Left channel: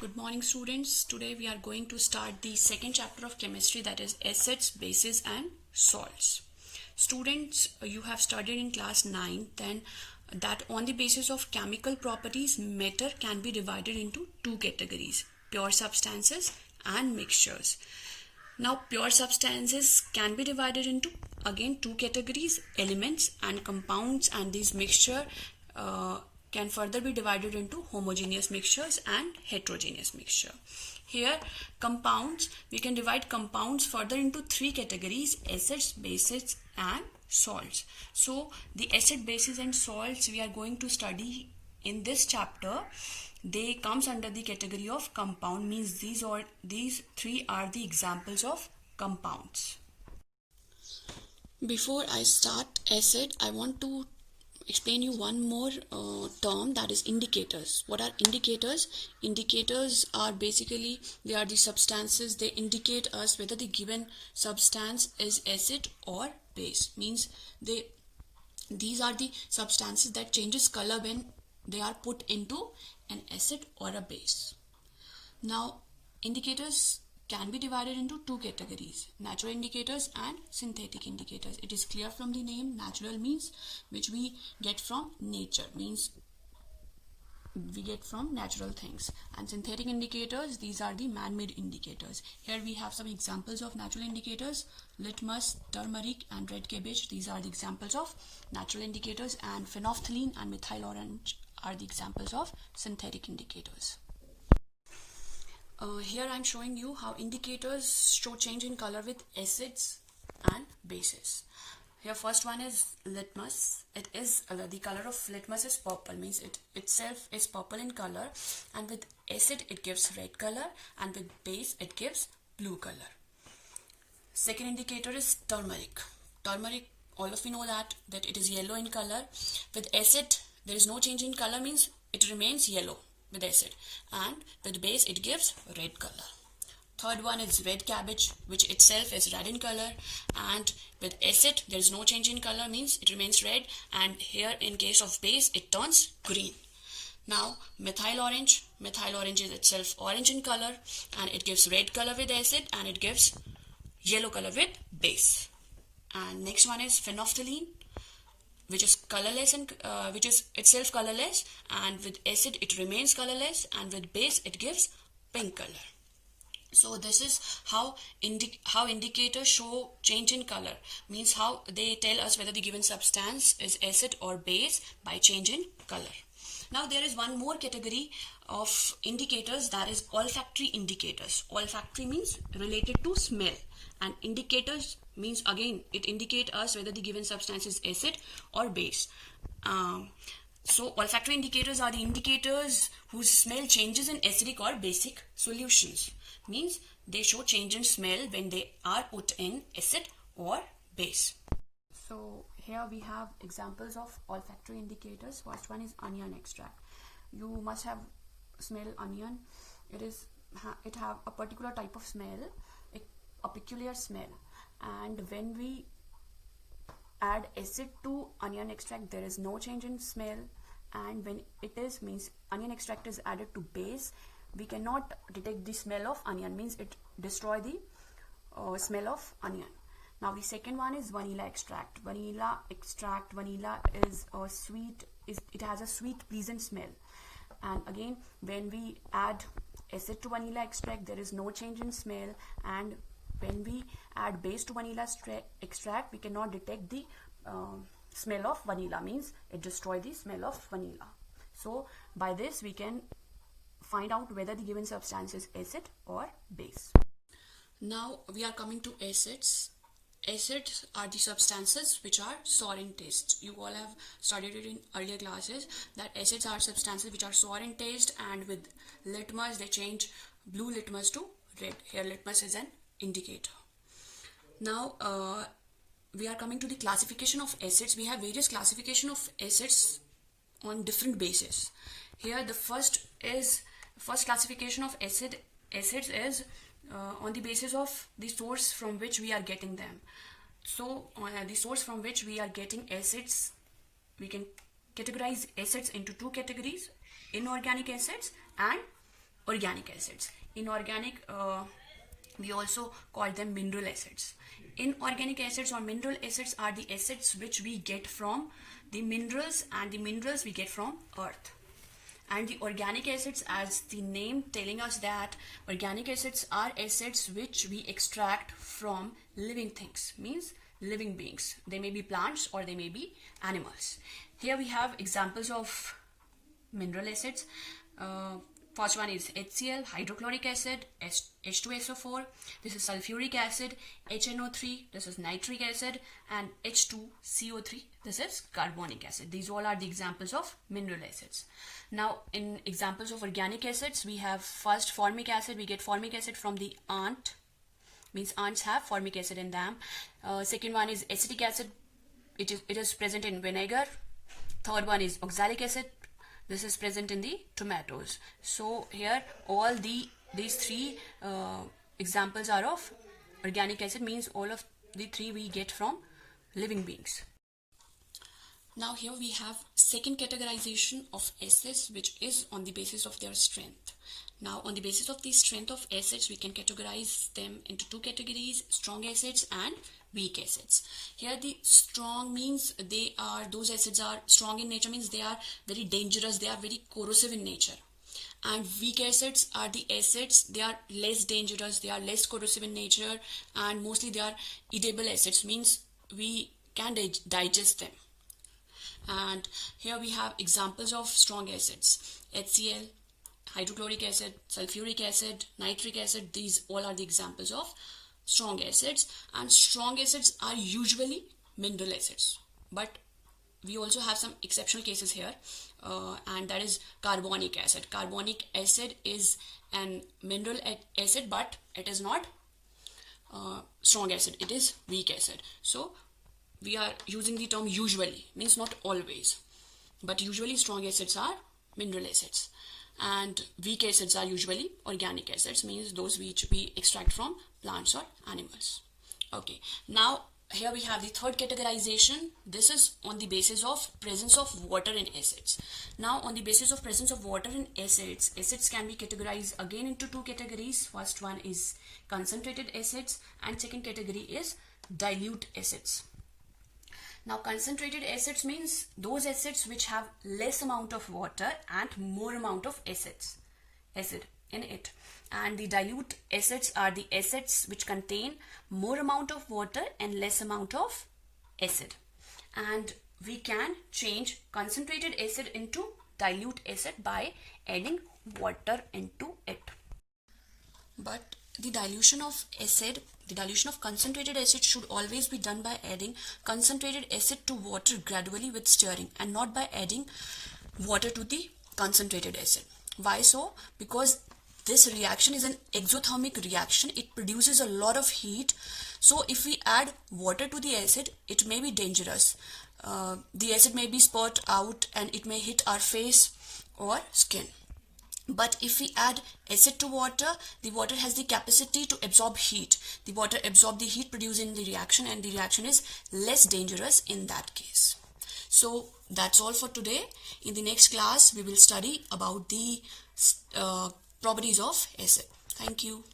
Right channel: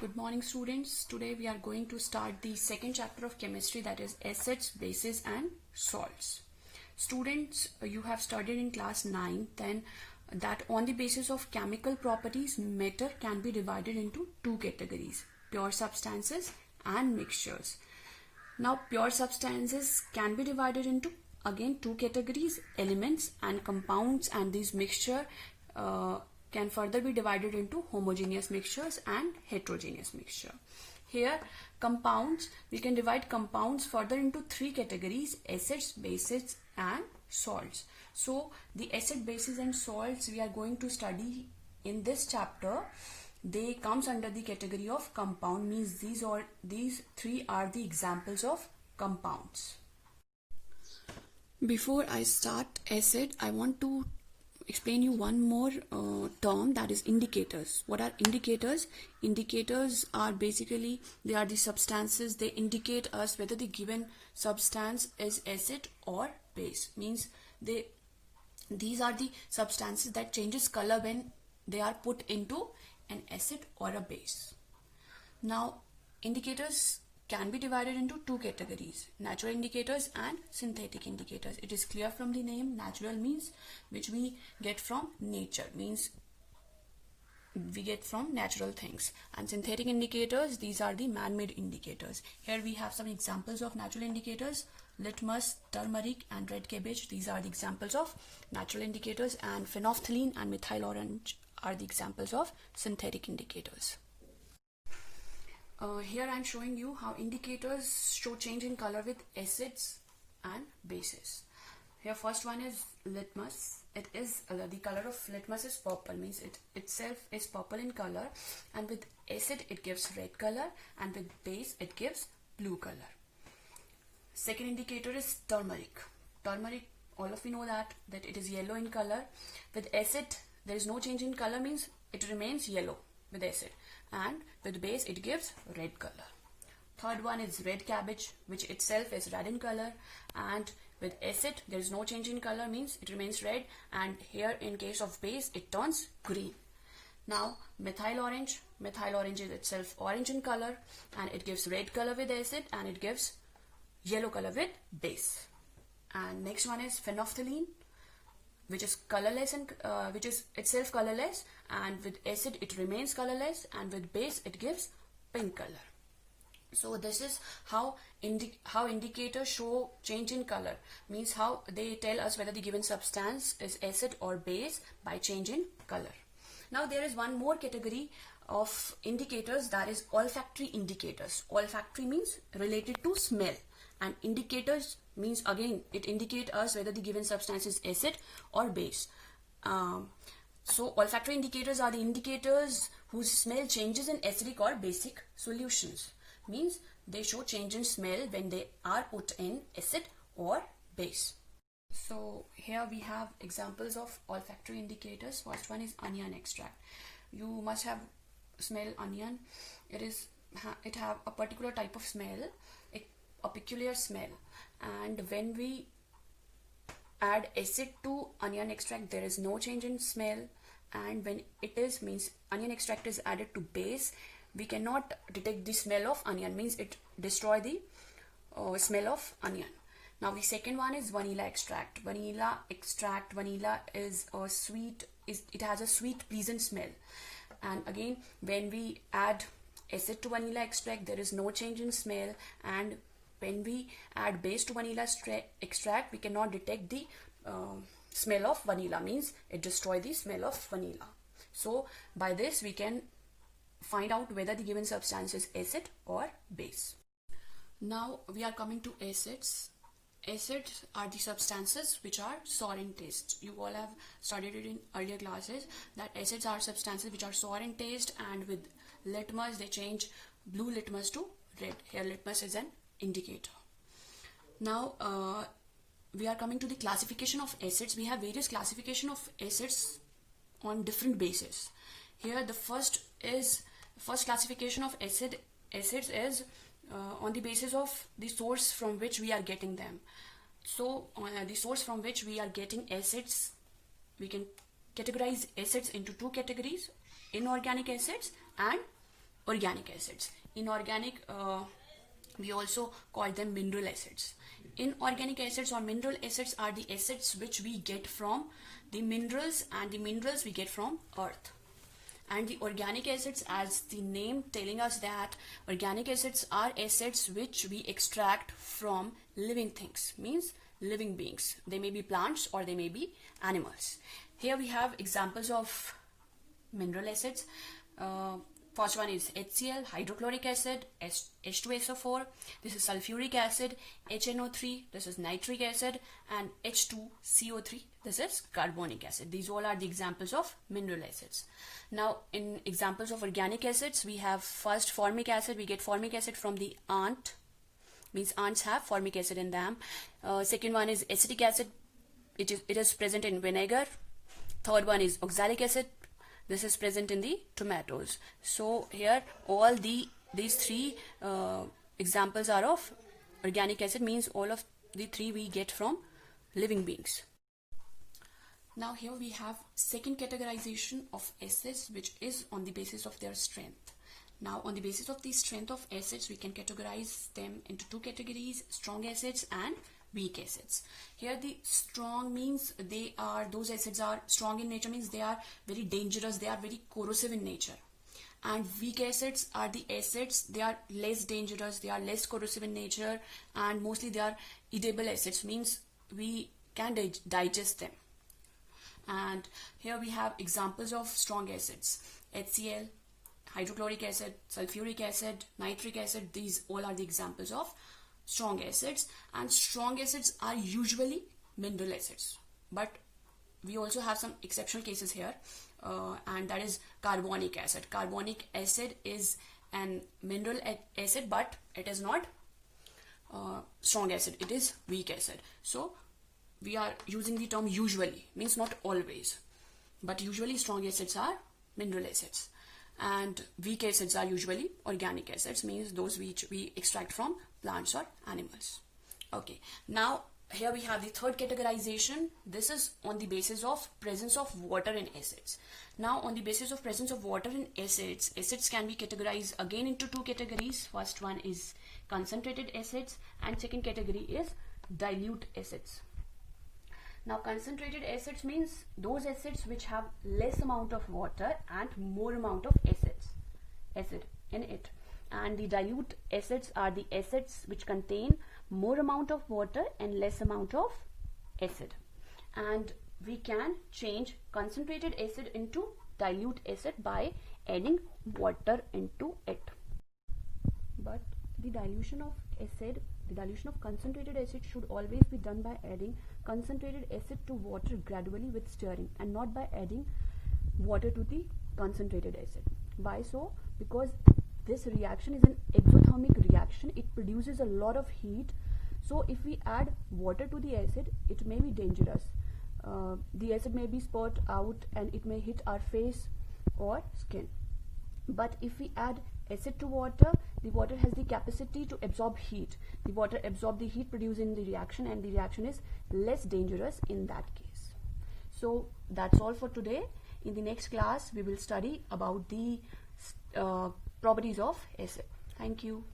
Good morning, students. Today we are going to start the second chapter of chemistry, that is acids, bases and salts. Students, you have studied in class 9 then that on the basis of chemical properties, matter can be divided into two categories: pure substances and mixtures. Now, pure substances can be divided into again two categories: elements and compounds, and these mixture can further be divided into homogeneous mixtures and heterogeneous mixture. Here, compounds, we can divide compounds further into three categories: acids, bases and salts. So, the acid, bases and salts we are going to study in this chapter. They comes under the category of compound, means these three are the examples of compounds. Before I start acid, I want to explain you one more term, that is indicators. What are indicators? Indicators are basically, they are the substances. They indicate us whether the given substance is acid or base. Means these are the substances that changes color when they are put into an acid or a base. Now, indicators can be divided into two categories: natural indicators and synthetic indicators. It is clear from the name. Natural means which we get from nature, means we get from natural things, and synthetic indicators, these are the man-made indicators. Here we have some examples of natural indicators: litmus, turmeric and red cabbage. These are the examples of natural indicators, and phenolphthalein and methyl orange are the examples of synthetic indicators. Here I am showing you how indicators show change in color with acids and bases. Here first one is litmus. It is the color of litmus is purple, means it itself is purple in color, and with acid it gives red color, and with base it gives blue color. Second indicator is turmeric. Turmeric, all of you know that it is yellow in color. With acid there is no change in color, means it remains yellow with acid, and with base it gives red color. Third one is red cabbage, which itself is red in color, and with acid there is no change in color, means it remains red, and here in case of base it turns green. Now methyl orange is itself orange in color, and it gives red color with acid, and it gives yellow color with base. And next one is phenolphthalein, which is colorless and which is itself colorless, and with acid it remains colorless, and with base it gives pink color. So this is how indicators show change in color, means how they tell us whether the given substance is acid or base by change in color. Now there is one more category of indicators, that is olfactory indicators. Olfactory means related to smell, and indicators means again it indicates us whether the given substance is acid or base. So olfactory indicators are the indicators whose smell changes in acidic or basic solutions, means they show change in smell when they are put in acid or base. So here we have examples of olfactory indicators. First one is onion extract. You must have smell onion. It have a particular type of smell, a peculiar smell, and when we add acid to onion extract there is no change in smell, and when it is, means onion extract is added to base, we cannot detect the smell of onion, means it destroy the smell of onion. Now the second one is vanilla extract. Vanilla is a sweet, it has a sweet pleasant smell, and again when we add acid to vanilla extract there is no change in smell, and when we add base to vanilla extract we cannot detect the smell of vanilla, means it destroys the smell of vanilla. So by this we can find out whether the given substance is acid or base. Now we are coming to acids. Acids are the substances which are sour in taste. You all have studied it in earlier classes that acids are substances which are sour in taste, and with litmus they change blue litmus to red. Here litmus is an indicator. Now we are coming to the classification of acids. We have various classification of acids on different bases. Here the first classification of acids is on the basis of the source from which we are getting them. So the source from which we are getting acids, we can categorize acids into two categories: inorganic acids and organic acids. Inorganic, we also call them mineral acids. Inorganic acids or mineral acids are the acids which we get from the minerals, and the minerals we get from earth. And the organic acids, as the name telling us, that organic acids are acids which we extract from living things, means living beings. They may be plants or they may be animals. Here we have examples of mineral acids. First one is HCl, hydrochloric acid, H2SO4, this is sulfuric acid, HNO3, this is nitric acid, and H2CO3, this is carbonic acid. These all are the examples of mineral acids. Now, in examples of organic acids, we have first formic acid. We get formic acid from the ant, means ants have formic acid in them. Second one is acetic acid. It is present in vinegar. Third one is oxalic acid. This is present in the tomatoes. So here all these three examples are of organic acid, means all of the three we get from living beings. Now here we have second categorization of acids, which is on the basis of their strength. Now on the basis of the strength of acids, we can categorize them into two categories: strong acids and weak acids. Here the strong means those acids are strong in nature, means they are very dangerous, they are very corrosive in nature. And weak acids are the acids, they are less dangerous, they are less corrosive in nature, and mostly they are edible acids, means we can digest them. And here we have examples of strong acids: HCl, hydrochloric acid, sulfuric acid, nitric acid. These all are the examples of strong acids. And strong acids are usually mineral acids, but we also have some exceptional cases here, and that is carbonic acid. Carbonic acid is an mineral acid, but it is not strong acid, it is weak acid. So we are using the term usually, means not always, but usually strong acids are mineral acids, and weak acids are usually organic acids, means those which we extract from plants or animals. Okay, now here we have the third categorization. This is on the basis of presence of water in acids. Now on the basis of presence of water in acids, acids can be categorized again into two categories. First one is concentrated acids, and second category is dilute acids. Now concentrated acids means those acids which have less amount of water and more amount of acid in it. And the dilute acids are the acids which contain more amount of water and less amount of acid. And we can change concentrated acid into dilute acid by adding water into it. But the dilution of concentrated acid should always be done by adding concentrated acid to water gradually with stirring, and not by adding water to the concentrated acid. Why so? Because this reaction is an exothermic reaction. It produces a lot of heat. So if we add water to the acid, it may be dangerous. The acid may be spurt out and it may hit our face or skin. But if we add acid to water, the water has the capacity to absorb heat. The water absorbs the heat produced in the reaction, and the reaction is less dangerous in that case. So that's all for today. In the next class, we will study about the properties of acid. Thank you.